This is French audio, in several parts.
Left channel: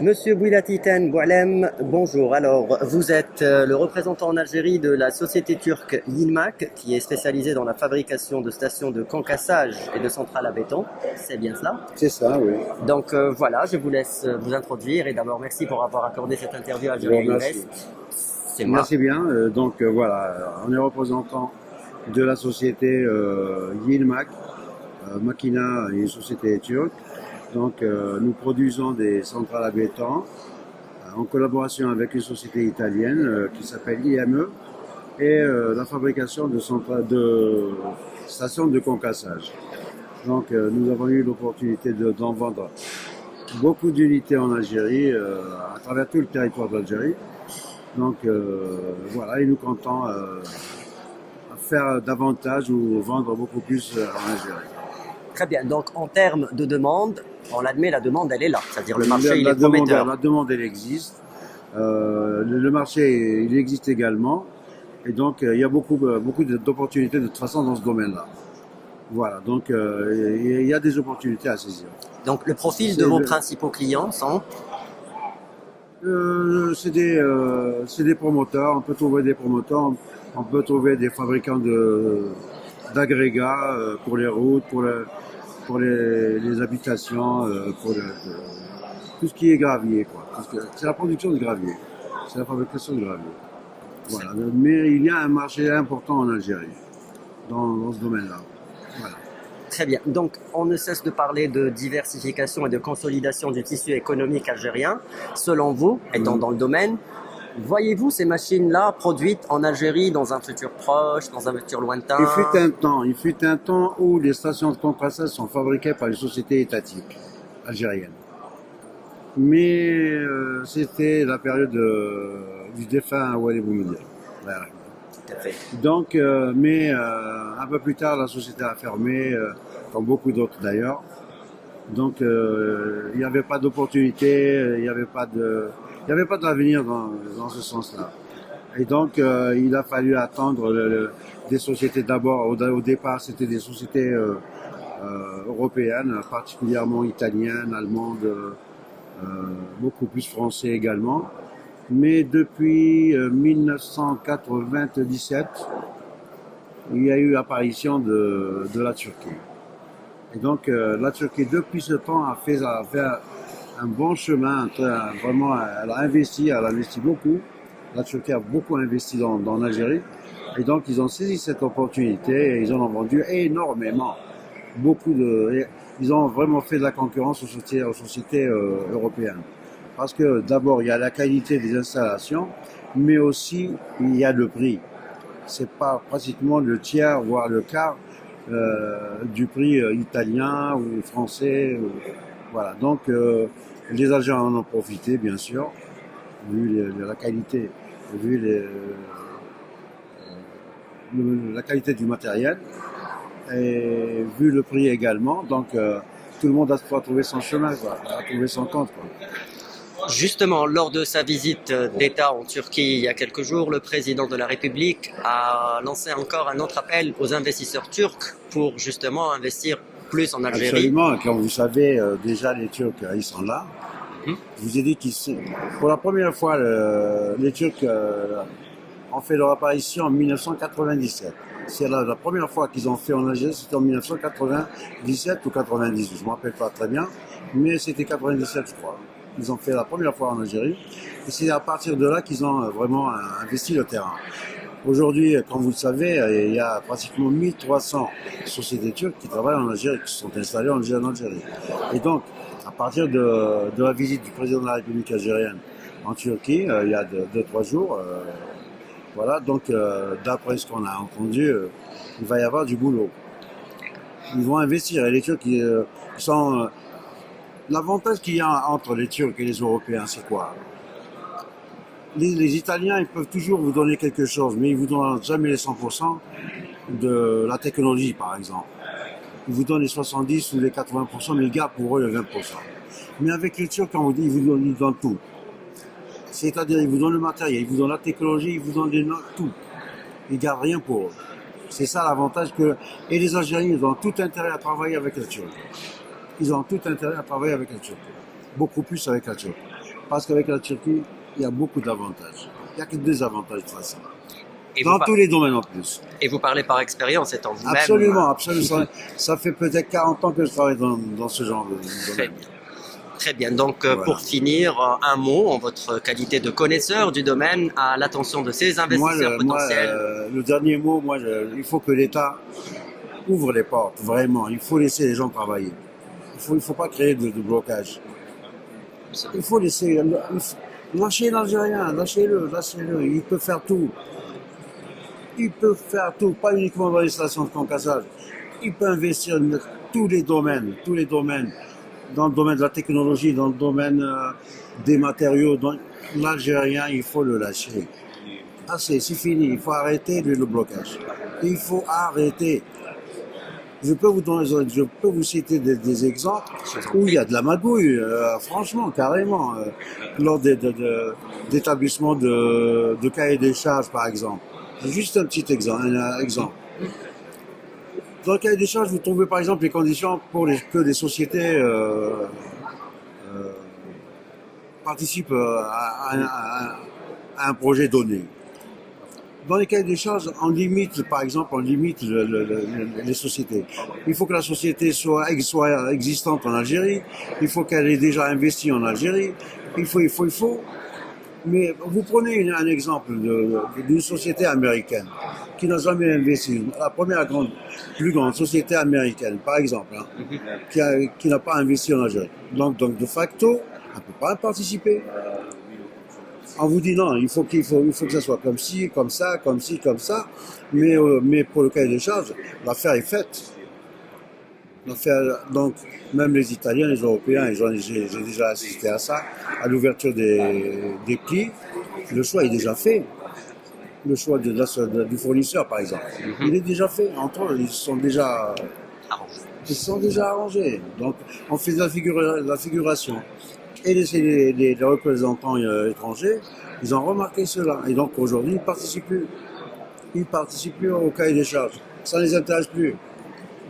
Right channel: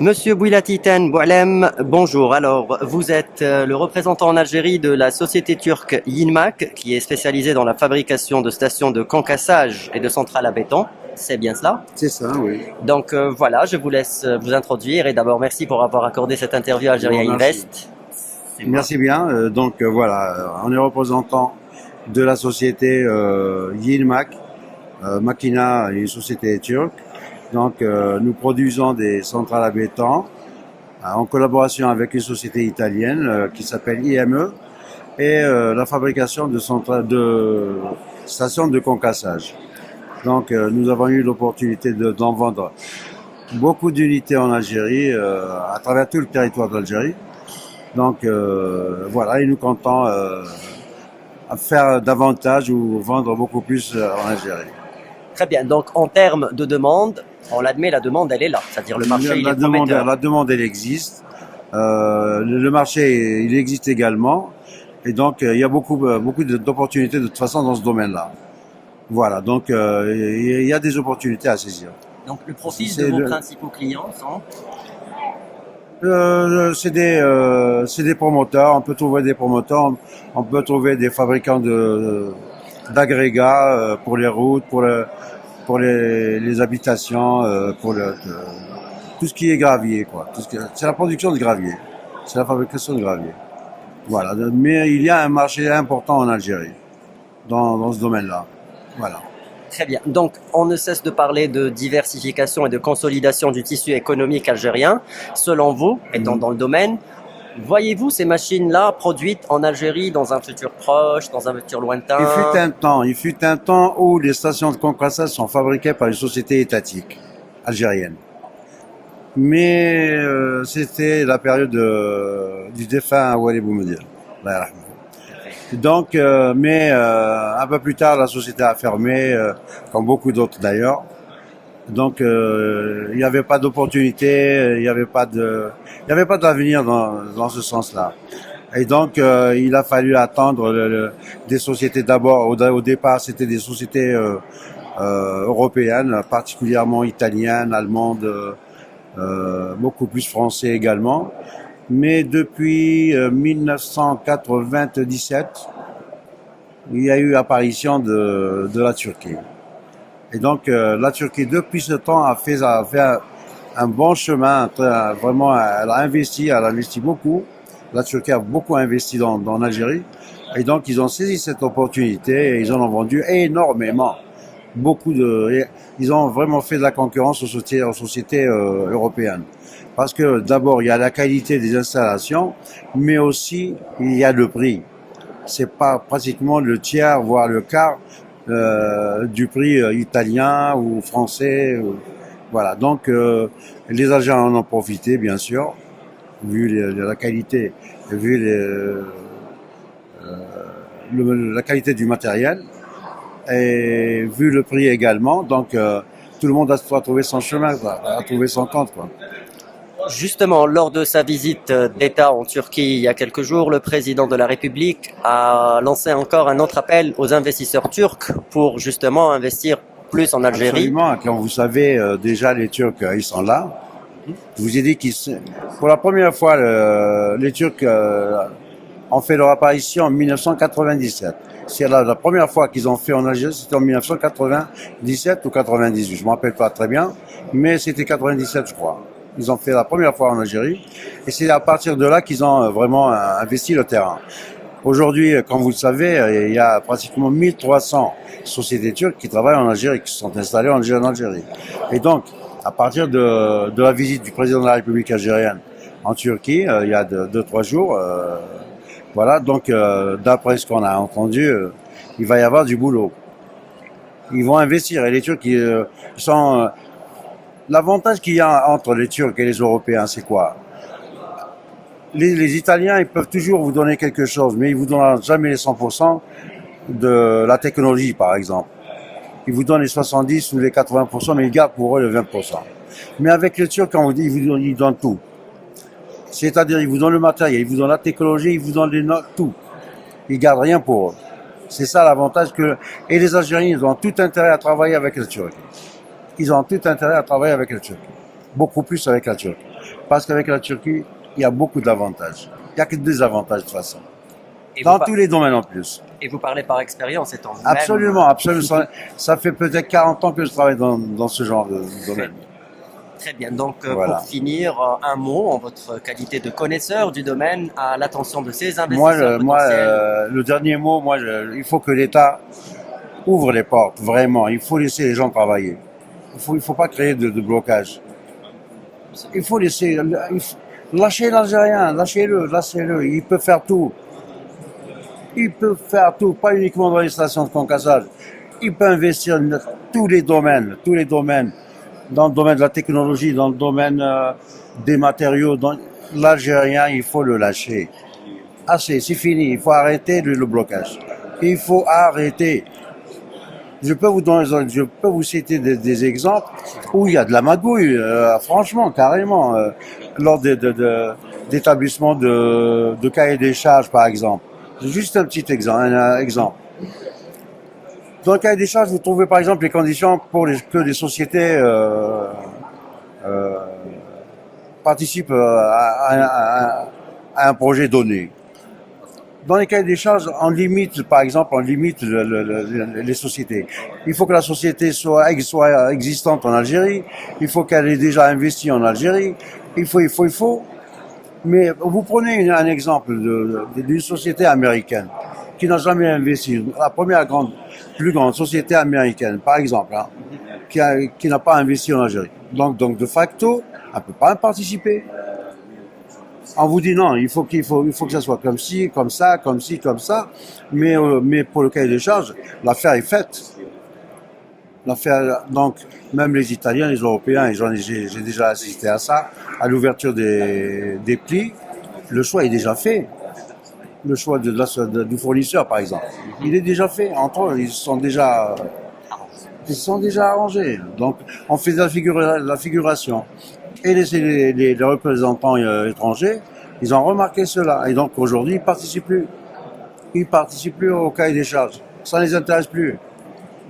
Monsieur Bouilatiten Boualem, bonjour. Alors, vous êtes le représentant en Algérie de la société turque Yilmaz, qui est spécialisée dans la fabrication de stations de concassage et de centrales à béton. C'est bien cela? C'est ça, oui. Donc voilà, je vous laisse vous introduire et d'abord merci pour avoir accordé cette interview à Je vous Algérie remercie. Invest. C'est moi. Merci bien. Voilà, on est représentant de la société Yilmaz. Makina est une société turque. Nous produisons des centrales à béton en collaboration avec une société italienne qui s'appelle IME et la fabrication de stations de concassage. Nous avons eu l'opportunité d'en vendre beaucoup d'unités en Algérie, à travers tout le territoire d'Algérie. Voilà, et nous comptons faire davantage ou vendre beaucoup plus en Algérie. Très bien. Donc en termes de demande, on l'admet, la demande elle est là. C'est-à-dire le marché il est prometteur. La demande, elle existe. Le marché, il existe également. Et donc, il y a beaucoup d'opportunités de toute façon dans ce domaine-là. Voilà, il y a des opportunités à saisir. Donc le profil de C'est vos le- principaux clients sont c'est des promoteurs. On peut trouver des promoteurs. On peut trouver des fabricants d'agrégats pour les routes, pour les habitations, tout ce qui est gravier, quoi. C'est la production de gravier. C'est la fabrication de gravier. Voilà. Mais il y a un marché important en Algérie dans ce domaine-là. Voilà. très bien. Donc, on ne cesse de parler de diversification et de consolidation du tissu économique algérien. Selon vous, étant dans le domaine, voyez-vous ces machines-là produites en Algérie dans un futur proche, dans un futur lointain? Il fut un temps où les stations de compressage sont fabriquées par une société étatique algérienne. Mais c'était la période du défunt Walid Boumediene. Un peu plus tard, la société a fermé, comme beaucoup d'autres d'ailleurs. Il n'y avait pas d'opportunité, il n'y avait pas d'avenir dans ce sens-là. Il a fallu attendre des sociétés d'abord. Au départ, c'était des sociétés européennes, particulièrement italiennes, allemandes, beaucoup plus français également. Mais depuis 1997, il y a eu apparition de la Turquie. La Turquie, depuis ce temps, a fait un bon chemin. Vraiment, elle a investi beaucoup. La Turquie a beaucoup investi dans l'Algérie. Et donc, ils ont saisi cette opportunité et ils en ont vendu énormément. Ils ont vraiment fait de la concurrence aux sociétés européennes. Parce que d'abord, il y a la qualité des installations, mais aussi il y a le prix. C'est pas pratiquement le tiers, voire le quart du prix italien ou français. Voilà. Les agents en ont profité, bien sûr, vu la qualité, vu la qualité du matériel et vu le prix également. Tout le monde a trouvé son chemin, quoi, a trouvé son compte, quoi. Justement, lors de sa visite d'État en Turquie il y a quelques jours, le président de la République a lancé encore un autre appel aux investisseurs turcs pour justement investir plus en Algérie. Absolument. Comme vous savez, déjà les Turcs, ils sont là. Je vous ai dit pour la première fois, les Turcs ont fait leur apparition en 1997. C'est la première fois qu'ils ont fait en Algérie, c'était en 1997 ou 98, je ne me rappelle pas très bien, mais c'était 97, je crois. Ils ont fait la première fois en Algérie, et c'est à partir de là qu'ils ont vraiment investi le terrain. Aujourd'hui, comme vous le savez, il y a pratiquement 1300 sociétés turques qui travaillent en Algérie, qui sont installées en Algérie. Et donc, à partir de la visite du président de la République algérienne en Turquie, il y a 2-3 jours, d'après ce qu'on a entendu, il va y avoir du boulot. Ils vont investir. Et les Turcs, ils sont... L'avantage qu'il y a entre les Turcs et les Européens, c'est quoi? Les Italiens, ils peuvent toujours vous donner quelque chose, mais ils vous donnent jamais les 100% de la technologie, par exemple. Ils vous donnent les 70 ou les 80%, mais ils gardent pour eux le 20%. Mais avec les Turcs, quand vous dites, ils donnent tout. C'est-à-dire, ils vous donnent le matériel, ils vous donnent la technologie, ils vous donnent les notes, tout. Ils gardent rien pour eux. C'est ça l'avantage et les Algériens, ils ont tout intérêt à travailler avec les Turcs. Ils ont tout intérêt à travailler avec les Turcs. Beaucoup plus avec la Turquie. Parce qu'avec la Turquie, il y a beaucoup d'avantages. Il n'y a que des avantages de toute façon. Et Dans vous, tous les domaines en plus. et vous parlez par expérience, étant vous-même. Absolument, absolument. Ça fait peut-être 40 ans que je travaille dans ce genre de Très domaine. bien. Très bien. Donc, Voilà. pour finir, un mot en votre qualité de connaisseur du domaine à l'attention de ces Moi, investisseurs potentiels. le dernier mot, il faut que l'État ouvre les portes, vraiment. Il faut laisser les gens travailler. Il faut pas créer de blocage. Il faut laisser, lâcher l'Algérien, lâchez-le. Il peut faire tout. Il peut faire tout, pas uniquement dans les stations de concassage. Il peut investir dans tous les domaines. Dans le domaine de la technologie, dans le domaine des matériaux. L'Algérien, il faut le lâcher. Assez, c'est fini. Il faut arrêter le blocage. Il faut arrêter. Je peux vous citer des exemples où il y a de la magouille, franchement, carrément, lors d'établissements de cahiers des charges, par exemple. Juste un petit exemple. Dans le cahier des charges, vous trouvez par exemple les conditions pour que les sociétés participent à un projet donné. Dans les cahiers des charges, on limite les sociétés. Il faut que la société soit existante en Algérie. Il faut qu'elle ait déjà investi en Algérie. Il faut. Mais vous prenez un exemple d'une société américaine qui n'a jamais investi. La première plus grande société américaine, par exemple, qui n'a pas investi en Algérie. Donc de facto, elle ne peut pas participer. On vous dit non, il faut que ça soit comme ci, comme ça, comme ci, comme ça. Mais pour le cahier des charges, l'affaire est faite. Donc, même les Italiens, les Européens, et j'ai déjà assisté à ça, à l'ouverture des plis, le choix est déjà fait. Le choix du fournisseur, par exemple, il est déjà fait. Entre eux, ils sont déjà arrangés. Donc, on fait la figuration. Et les représentants étrangers, ils ont remarqué cela. Et donc, aujourd'hui, ils participent plus. Ils participent plus au cahier des charges. Ça ne les intéresse plus.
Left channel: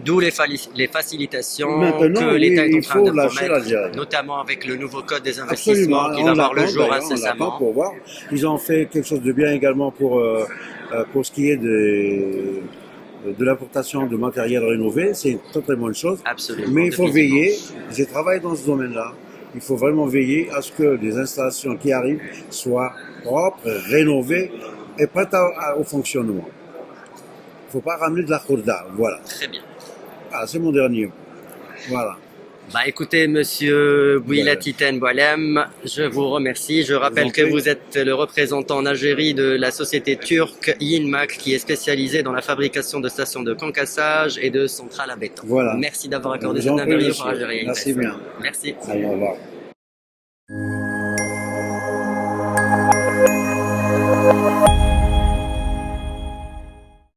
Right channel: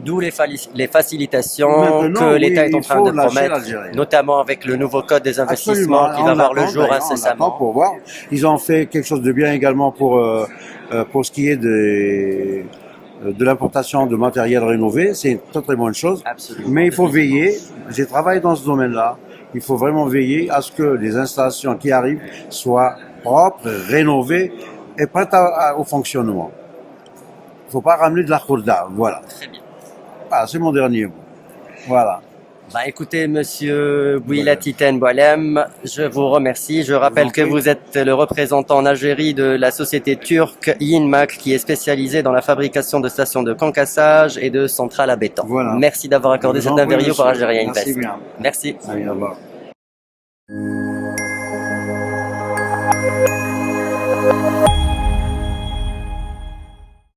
D'où les facilitations Maintenant, que l'État est en il train faut de lâcher promettre, l'Algérie. notamment avec le nouveau code des investissements qui va voir le jour On incessamment. attend pour voir. Ils ont fait quelque chose de bien également pour ce qui est de l'importation de matériel rénové. C'est une très très bonne chose. Absolument. Mais il faut veiller. J'ai travaillé dans ce domaine-là. Il faut vraiment veiller à ce que les installations qui arrivent soient propres, rénovées et prêtes au fonctionnement. Il ne faut pas ramener de la khourda. Voilà. Très bien. Ah, c'est mon dernier mot. Voilà. Bah écoutez, monsieur Bouilatiten Boualem, je vous remercie. Je rappelle que vous êtes le représentant en Algérie de la société turque Yinmak qui est spécialisée dans la fabrication de stations de concassage et de centrales à béton. Voilà. Merci d'avoir accordé cette interview par Algérien Invest. Merci bien. Merci. Allez, au revoir.